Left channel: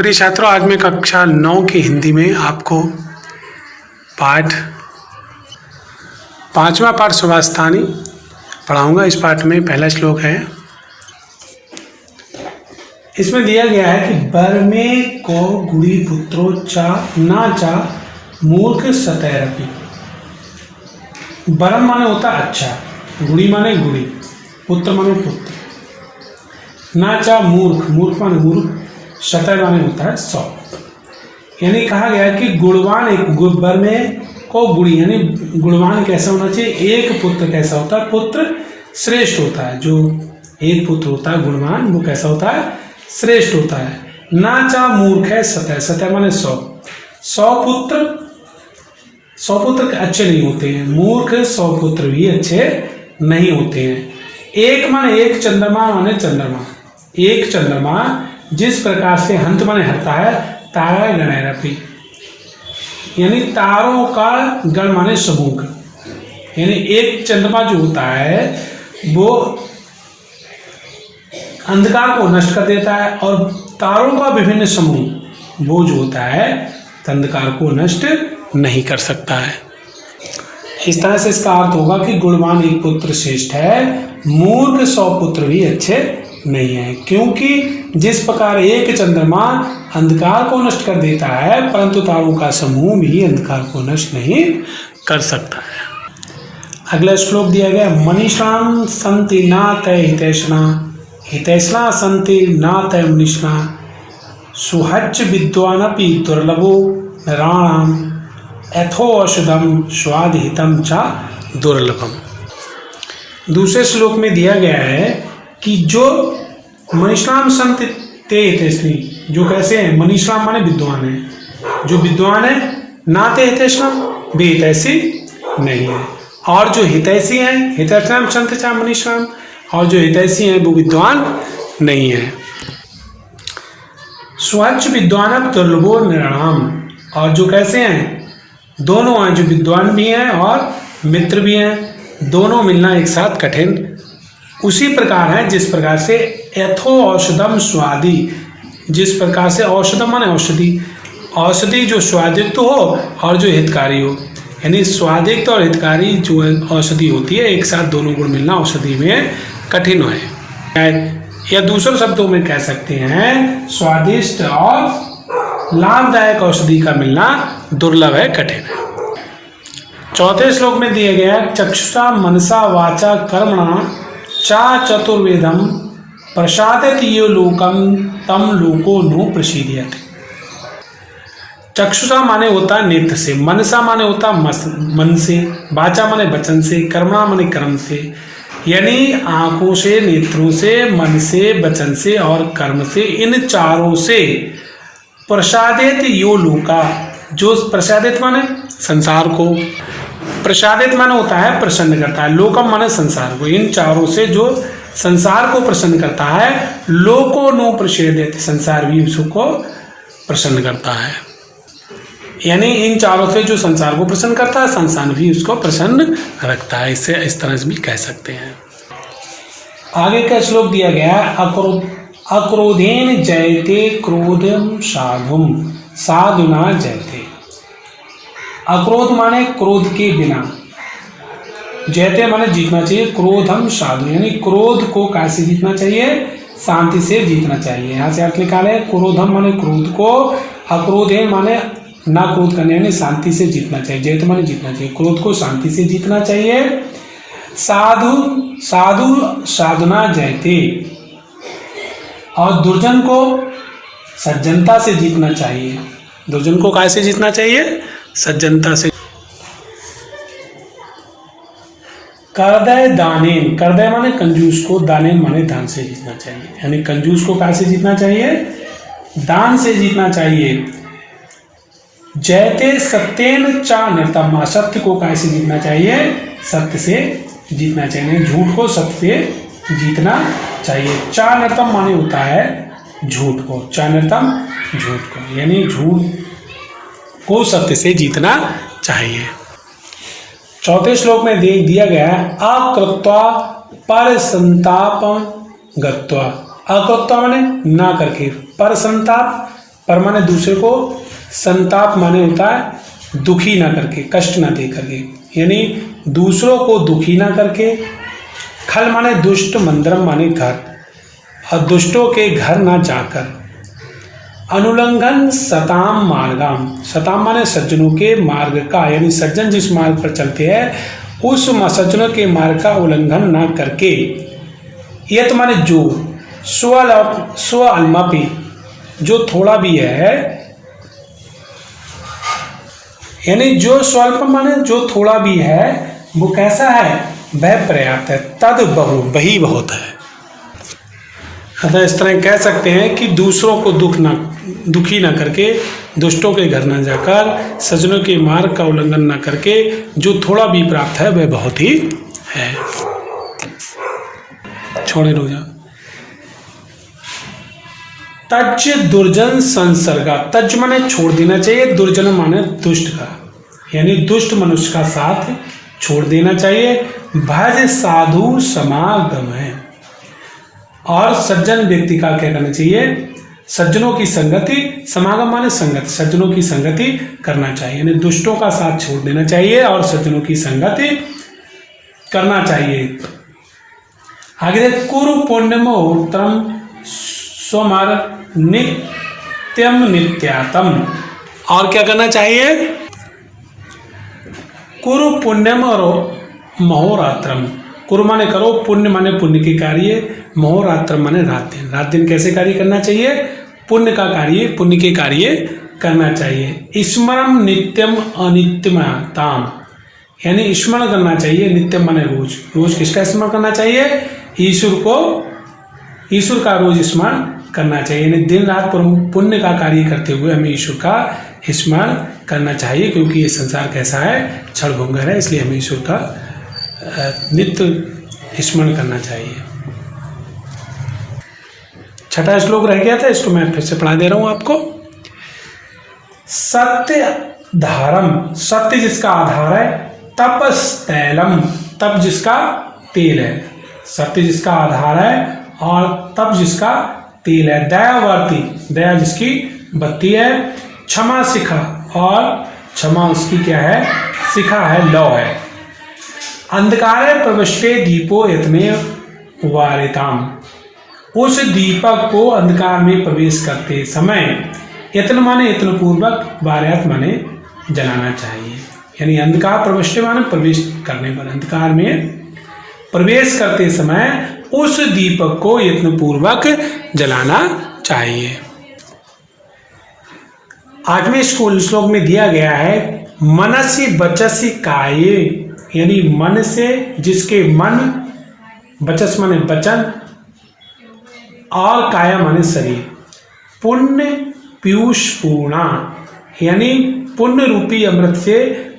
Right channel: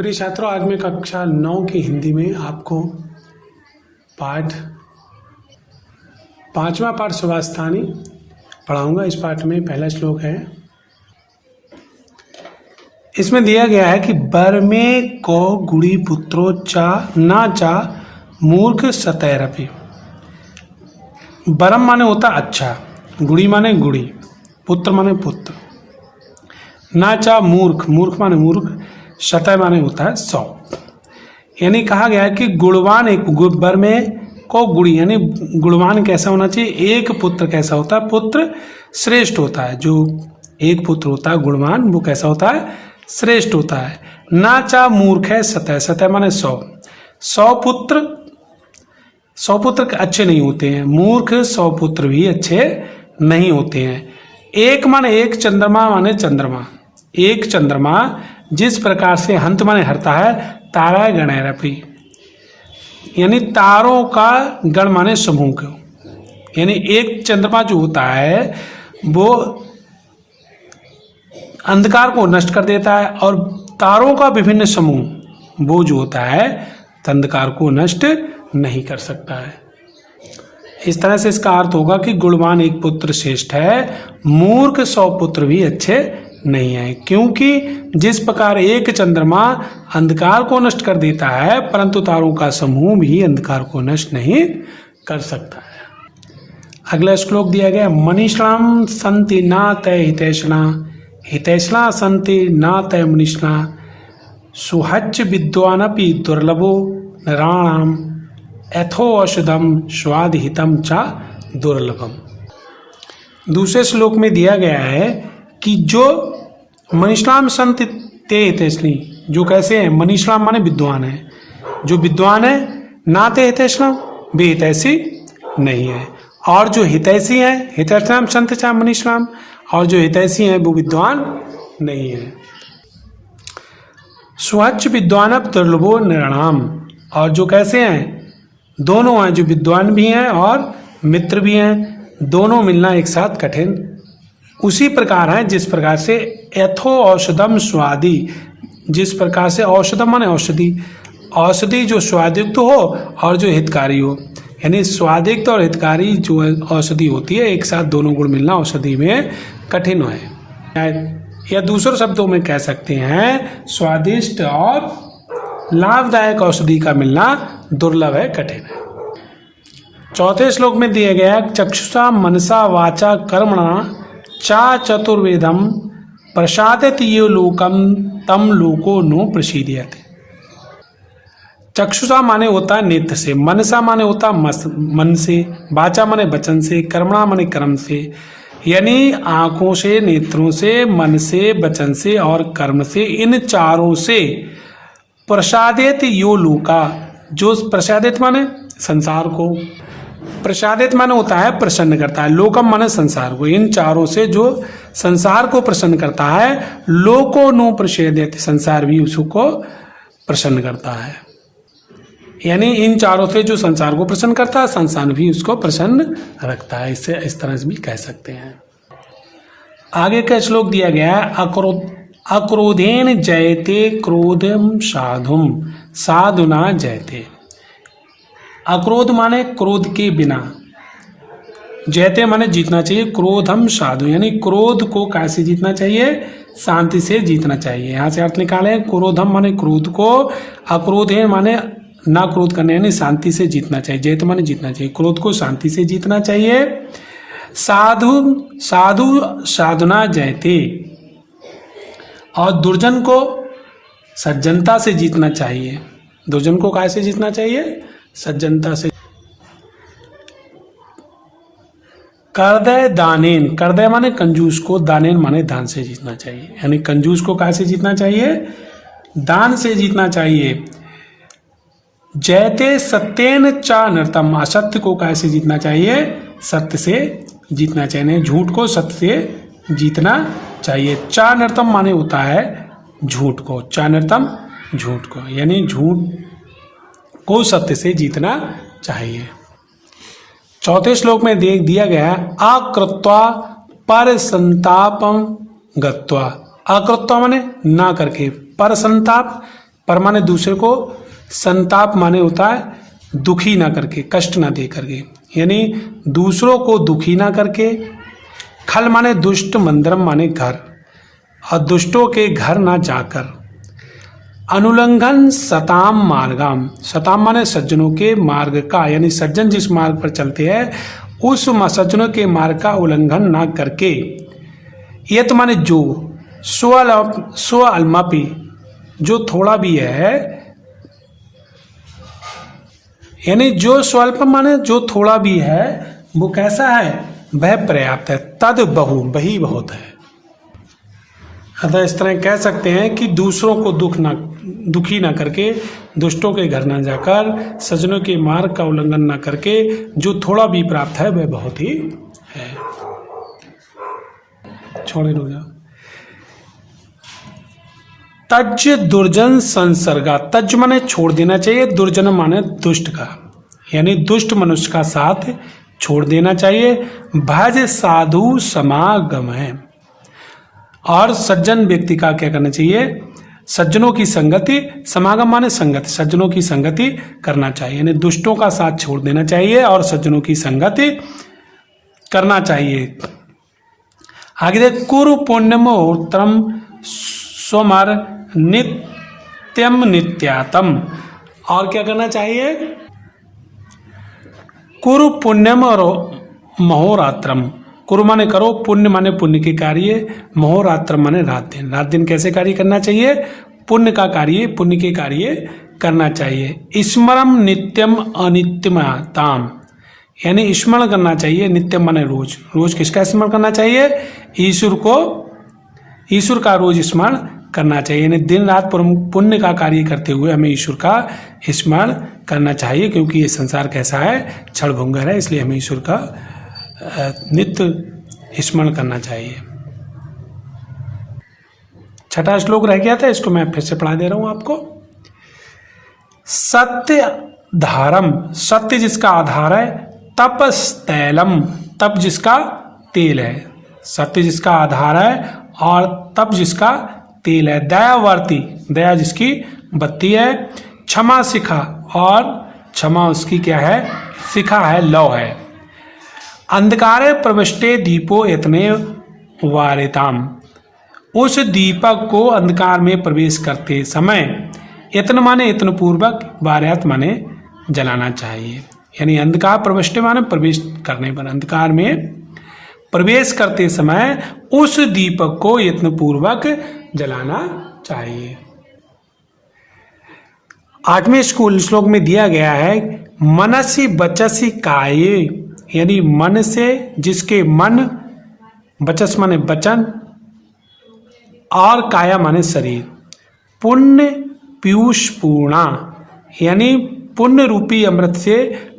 प्रिय छात्रों, आज मैं कक्षा 9 की हिंदी में आपको पाठ 5वां पाठ सुभाषितानी पढ़ाऊंगा। इस पाठ में पहला श्लोक है। इसमें दिया गया है कि बरमे को गुड़ी पुत्रो चा ना चा मूर्ख सतैरपि। बरम माने होता अच्छा, गुड़ी माने गुड़ी, पुत्र माने पुत्र, ना चा मूर्ख, मूर्ख माने मूर्ख, शतय माने होता है 100। यानी कहा गया है कि गुणवान एक बर में को गुड़ी यानी गुणवान कैसा होना चाहिए, एक पुत्र कैसा होता है, पुत्र श्रेष्ठ होता है। जो एक पुत्र होता है गुणवान वो कैसा होता है, श्रेष्ठ होता है। ना चा मूर्ख है सतय, सतय माने 100। 100 पुत्र अच्छे नहीं होते हैं, मूर्ख 100 पुत्र भी अच्छे नहीं होते हैं। एक माने एक, चंद्रमा माने चंद्रमा, एक चंद्रमा जिस प्रकार से हंत माने हरता है, तारा गणैरपि यानी तारों का गण माने समूह, यानी एक चंद्रमा जो होता है वो अंधकार को नष्ट कर देता है और तारों का विभिन्न समूह वो जो होता है अंधकार को नष्ट नहीं कर सकता है। इस तरह से इसका अर्थ होगा कि गुणवान एक पुत्र श्रेष्ठ है, मूर्ख 100 पुत्र भी अच्छे नहीं है। क्योंकि जिस प्रकार एक चंद्रमा अंधकार को नष्ट कर देता है, परंतु तारों का समूह भी अंधकार को नष्ट नहीं कर सकता है। अगला श्लोक दिया गया, मनीषाम संति ना तय हितैषणा, हितैषणा संति ना तय मनीषणा, सुहज विद्वानपि दुर्लभो नराणाम यथो औषधम स्वादिहितम चा दुर्लभम। दूसरे श्लोक में दिया गया है कि जो मनीषाम संत ते हितैषणी, जो कैसे हैं, मनीषाम माने विद्वान है, जो विद्वान है ना ते हितैषणा वे हितैषी नहीं है, और जो हितैषी हैं हितैषणाम संत चा मनीषाम, और जो हितैषी हैं वो विद्वान नहीं है। स्वच्छ विद्वान दुर्लभो नृणाम, और जो कैसे हैं, दोनों हैं, जो विद्वान भी हैं और मित्र भी हैं, दोनों मिलना एक साथ कठिन उसी प्रकार है जिस प्रकार से यथो औषधम स्वादि, जिस प्रकार से औषधम माने औषधि, औषधि जो स्वादिष्ट हो और जो हितकारी हो, यानी स्वादिष्ट और हितकारी जो औषधि होती है एक साथ दोनों गुण मिलना औषधि में कठिन है। या दूसरे शब्दों में कह सकते हैं स्वादिष्ट और लाभदायक औषधि का मिलना दुर्लभ है, कठिन है। चौथे श्लोक में दिया गया है, चक्षुषा मनसा वाचा कर्मणा चा चतुर्वेदम प्रसादत यो लोकम तम लोको नो प्रसीदयते। चक्षुषा माने होता है नेत्र से, मनसा माने होता है मन से, वाचा माने वचन से, कर्मणा माने कर्म से, यानी आंखों से, नेत्रों से, मन से, वचन से और कर्म से, इन चारों से प्रसादित यो लोका, जो प्रसादित माने संसार को, प्रसादित माने होता है प्रसन्न करता है, लोकम माने संसार को, इन चारों से जो संसार को प्रसन्न करता है, लोको नो प्रसादित, संसार भी उसको प्रसन्न करता है। यानी इन चारों से जो संसार को प्रसन्न करता है, संसार भी उसको प्रसन्न रखता है। इससे इस तरह से भी कह सकते हैं। आगे का श्लोक दिया गया, अक्रोधेन जयते क्रोधम साधुम साधुना जयते। अक्रोध माने क्रोध के बिना, जयते माने जीतना चाहिए, क्रोधम साधु यानी क्रोध को कैसे जीतना चाहिए, शांति से जीतना चाहिए। यहाँ से अर्थ निकाले, क्रोधम माने क्रोध को, अक्रोधेन माने ना क्रोध करने यानी शांति से जीतना चाहिए, जयते माने जीतना चाहिए, क्रोध को शांति से जीतना चाहिए। साधु साधु साधना जयते, और दुर्जन को सज्जनता से जीतना चाहिए। दुर्जन को कैसे जीतना चाहिए, सज्जनता से। करदय दानेन, करदय माने कंजूस को, दानेन माने दान से जीतना चाहिए, यानी कंजूस को कैसे जीतना चाहिए, दान से जीतना चाहिए। जयते सत्येन चा नृतम, असत्य को कैसे जीतना चाहिए, सत्य से जीतना चाहिए, झूठ को सत्य से जीतना चाहिए। चा नृतम माने होता है झूठ को, चा नृतम झूठ को, यानी झूठ को सत्य से जीतना चाहिए। चौथे श्लोक में दिया गया है, अकृत्वा पर संतापम गत्वा। अकृत्वा माने ना करके, पर संताप पर माने दूसरे को, संताप माने होता है दुखी ना करके, कष्ट ना दे करके, यानी दूसरों को दुखी ना करके। खल माने दुष्ट, मंदरम माने घर, और दुष्टों के घर ना जाकर। अनुल्लंघन सताम मार्गाम, सताम माने सज्जनों के मार्ग का, यानी सज्जन जिस मार्ग पर चलते हैं उस सज्जनों के मार्ग का उल्लंघन ना करके। यत माने जो, स्व अल्मापि, जो थोड़ा भी है, यानी जो स्वल्प माने जो थोड़ा भी है वो कैसा है, वह पर्याप्त है। तद बहु, वही बहुत है। अतः इस तरह कह सकते हैं कि दूसरों को दुखी ना करके, दुष्टों के घर ना जाकर, सज्जनों के मार्ग का उल्लंघन ना करके जो थोड़ा भी प्राप्त है वह बहुत ही है। छोड़े रोजा। तज दुर्जन संसर्गा, तज माने छोड़ देना चाहिए, दुर्जन माने दुष्ट का, यानी दुष्ट मनुष्य का साथ छोड़ देना चाहिए। भज साधु समागम है, और सज्जन व्यक्ति का क्या करना चाहिए, सज्जनों की संगति, समागम माने संगति, सज्जनों की संगति करना चाहिए, यानी दुष्टों का साथ छोड़ देना चाहिए और सज्जनों की संगति करना चाहिए। आगे देख, कुरु पुण्यम उत्तरम सोमर नित्यम नित्यातम, और क्या करना चाहिए, कुरु पुण्यम और महोरात्रम। कुरु माने करो, पुण्य माने पुण्य के कार्य, महोरात्र माने रात दिन। रात दिन कैसे कार्य करना चाहिए, पुण्य का कार्य, पुण्य के कार्य करना चाहिए। स्मरम नित्यम अनित्यमताम, यानी स्मरण करना चाहिए, नित्यम माने रोज, रोज किसका स्मरण करना चाहिए, ईश्वर को, ईश्वर का रोज स्मरण करना चाहिए, यानी दिन रात पुण्य का कार्य करते हुए हमें ईश्वर का स्मरण करना चाहिए, क्योंकि ये संसार कैसा है, क्षण भंगुर है, इसलिए हमें ईश्वर का नित्य स्मरण करना चाहिए। छठा श्लोक रह गया था, इसको मैं फिर से पढ़ा दे रहा हूं आपको। सत्य धारम, सत्य जिसका आधार है, तपस्तैलम, तप जिसका तेल है, सत्य जिसका आधार है और तप जिसका तेल है। दयावर्ती, दया जिसकी बत्ती है। क्षमा शिखा, और क्षमा उसकी क्या है, शिखा है, लौ है। अंधकारे प्रविष्टे दीपो इतने वारिताम, उस दीपक को अंधकार में प्रवेश करते समय, यत्न माने यत्न पूर्वक, वार्यात माने जलाना चाहिए, यानी अंधकार प्रविष्टे माने प्रवेश करने पर, अंधकार में प्रवेश करते समय उस दीपक को यत्न पूर्वक जलाना चाहिए। आठवें श्लोक में दिया गया है, मनसी वचसी काये, यानी मन से, जिसके मन, वचस माने वचन और काया माने शरीर, पुण्य पीयूष पूर्णा, यानी पुण्य रूपी अमृत से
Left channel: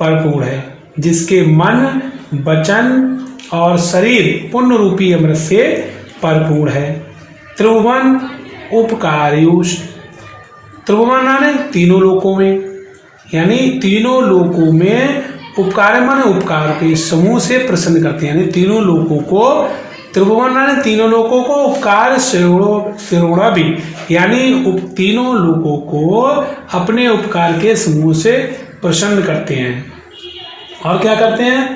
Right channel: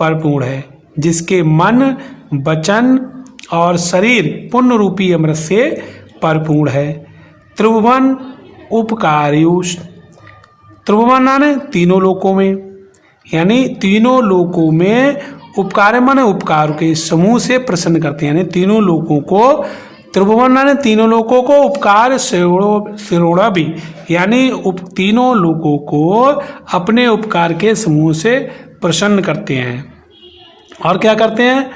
परिपूर्ण है, जिसके मन, वचन और शरीर पुण्य रूपी अमृत से परिपूर्ण है। त्रिभुवन उपकार्युष, त्रिभुवन माने तीनों लोकों में, यानी तीनों लोकों में उपकार माने उपकार के समूह से प्रसन्न करते हैं, यानी तीनों लोकों को, त्रिभुवन माने तीनों लोकों को, उपकार शिरोड़ा भी, यानी तीनों लोकों को अपने उपकार के समूह से प्रसन्न करते हैं। और क्या करते हैं,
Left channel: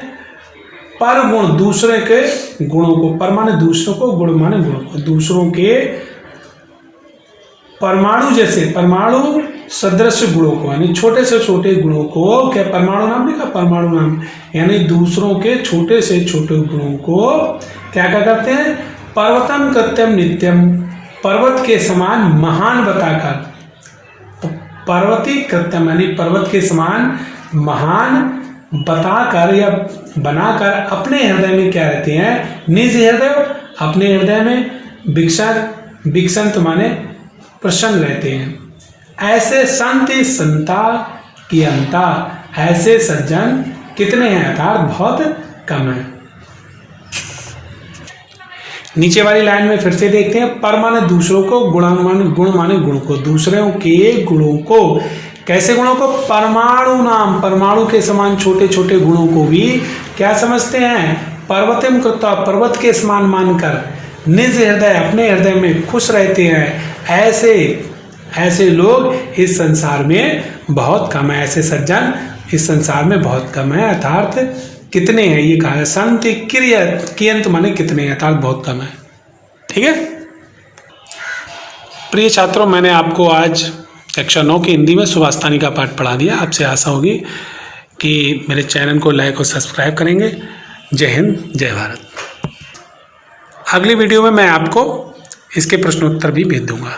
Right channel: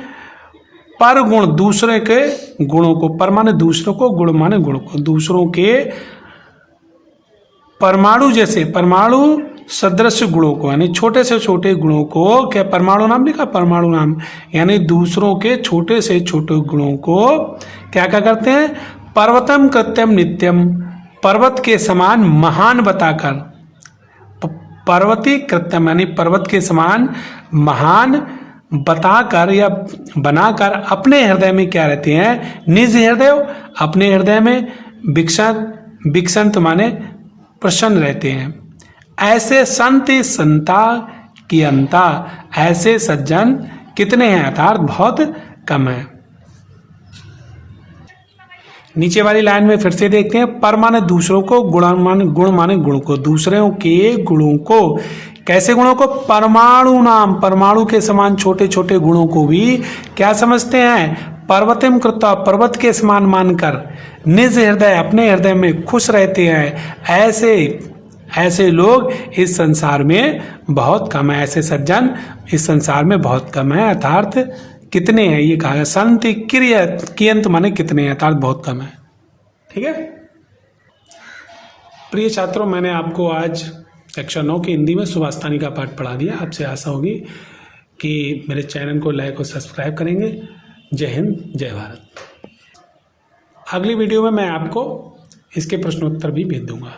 पर गुण, दूसरे के गुणों को, पर माने दूसरों को, गुण माने गुण को, दूसरों के परमाणु जैसे, परमाणु सदृश गुणों को, यानी छोटे से छोटे गुणों को, क्या परमाणु नाम लिखा, परमाणु नाम, यानी दूसरों के छोटे से छोटे गुणों को क्या क्या करते हैं, पर्वतम कृत्यम नित्यम, पर्वत के समान महान बताकर, पर्वती कृत्यम यानी पर्वत के समान महान बताकर या बनाकर अपने हृदय में क्या रहते हैं, निज हृदय, अपने हृदय में विकसंत माने प्रसन्न रहते हैं। ऐसे संत संता की अंता, ऐसे सज्जन कितने हैं, अर्थात बहुत कम है। नीचे वाली लाइन में फिर से देखते हैं, पर माने दूसरों को, गुण माने गुण को, दूसरों के गुणों को, कैसे गुणों को, परमाणु नाम, परमाणु के समान छोटे छोटे गुणों को भी क्या समझते हैं, पर्वतम कृत्वा, पर्वत के समान मानकर, निज हृदय, अपने हृदय में खुश रहते हैं। ऐसे ऐसे लोग इस संसार में बहुत कम है, ऐसे सज्जन इस संसार में बहुत कम है। अर्थात कितने हैं ये कहा है, संत कियंत माने कितने हैं, अर्थात बहुत कम है। ठीक है प्रिय छात्रों, मैंने आपको आज कक्षा 9 की हिंदी में सुभाषतानी का पाठ पढ़ा दिया। आपसे आशा होगी कि मेरे चैनल को लाइक और सब्सक्राइब करेंगे। जय हिंद, जय भारत। अगली वीडियो में मैं आपको इसके प्रश्नोत्तर भी भेज दूंगा।